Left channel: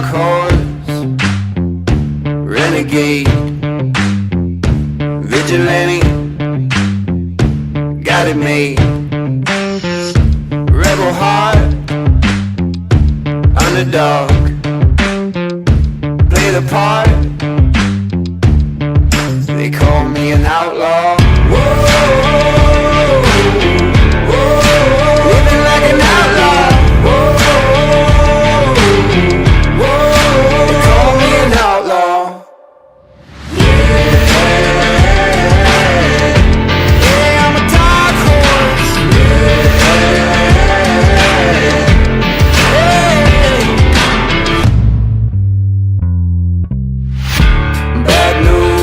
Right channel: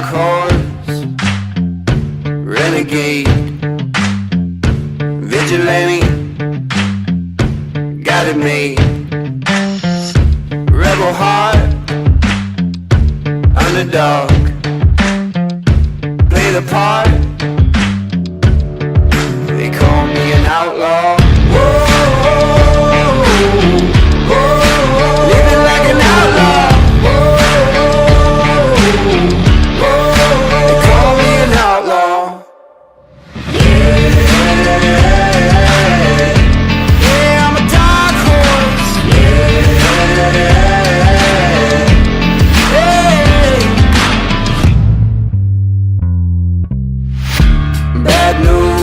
dark horse, renegade, vigilante, got it made. Rebel heart, underdog, play the part. They call me an outlaw. Whoa, whoa, living like an outlaw. Whoa, whoa, they call me an outlaw. Yeah, I'm a dark horse. Yeah. Bad news.